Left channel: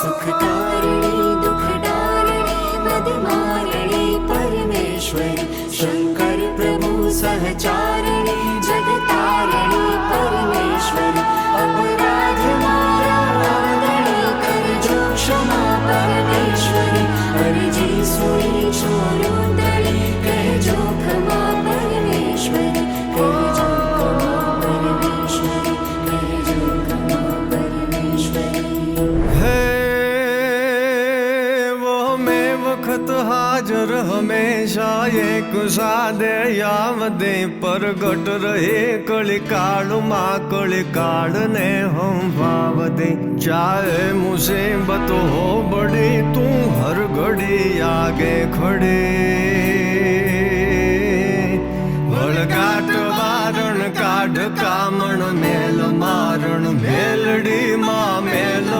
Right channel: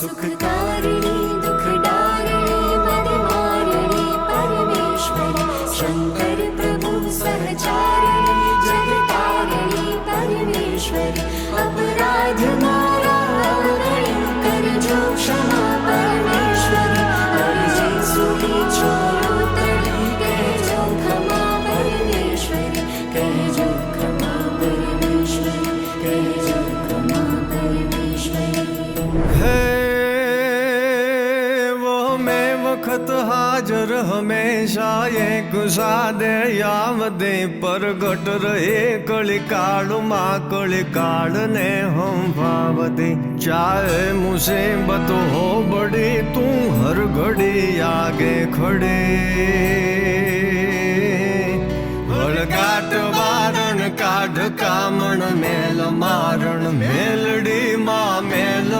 सुखकारिणी दुखदारिणी बदमारिणी परमेश्वरी शंकर प्रभु सहचारिणी जगतारिणी परमेश्वरी अपराध मारा आगळे करजो क्षमा परमेश्वरी हरिजी सुनी छोरुदड़ी कहजो क्षमा परमेश्वरी कहजो क्षमा परमेश्वरी कहजो क्षमा परमेश्वरी है वो में वक्त हाजर हमेशा एक सादे यावदे प्रगट रहे कलिकाल माँ कलिकाल ने हम भाव दे चाहे मुसीबत हो बड़ी तू हर घड़ी आगे खड़े વળગાટ વારણ કાઢ કામણ મેલ મારણ મેલડી માં મેલ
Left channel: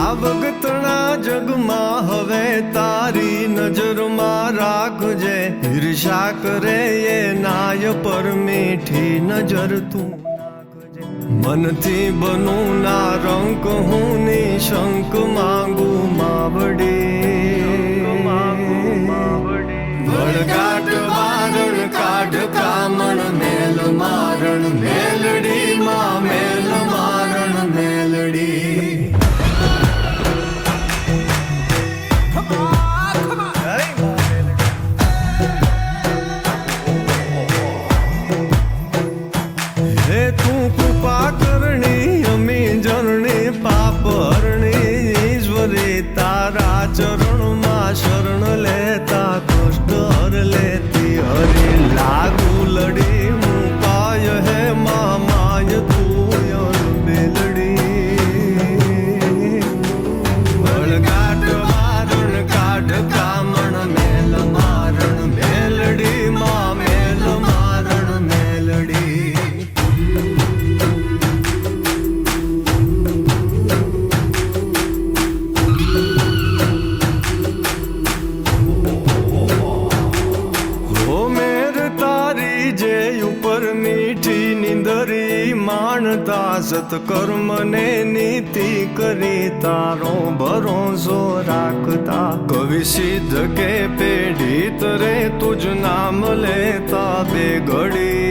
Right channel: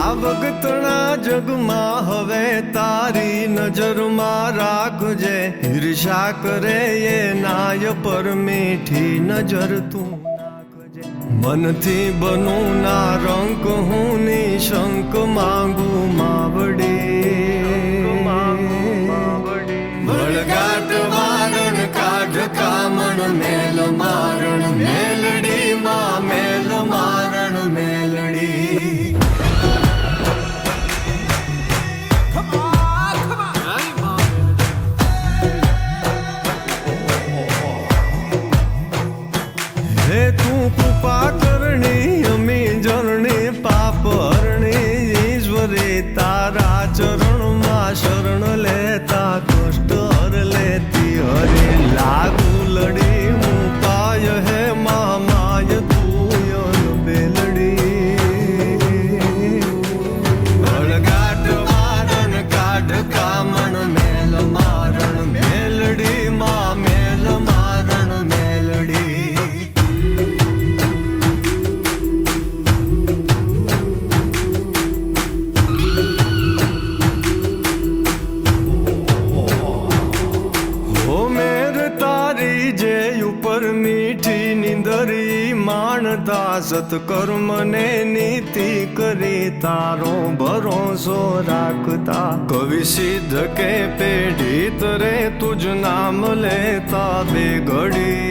આ વખતના જગમાં હવે તારી નજરમાં રાખજે ઈર્ષા કરે એ નાય પર મીઠી નજર તું નાખજે મનથી બનું ના રંક હું નિશંક માંગુ માવડી વળગાટ વારણ કાઢ કામણ મેલ મારણ મેલડી માં મેલ મારણ મેલડી હે તું કૃપા કરણી અમી જરણી પાપ હરણી ઈશ્વરી તારા ચરણમાં શરણ લેતા કષ્ટ હર લેતી હરે લાગુ લડી હું પાય હે મામાય તું યલ બેલડી વળગાટ વારણ કાઢ કામણ મેલ મારણ મેલડી માં મેલ મારણ મેલડી હો મેર તારી જે ઉપર મીઠી નિંદરી માણતા સત્કર્મને નીતિ કરી તારો ભરોસો રાખતા કવિ સિદ્ધ કે પેઢી તરે તુજ નામ લેતા બે ઘડી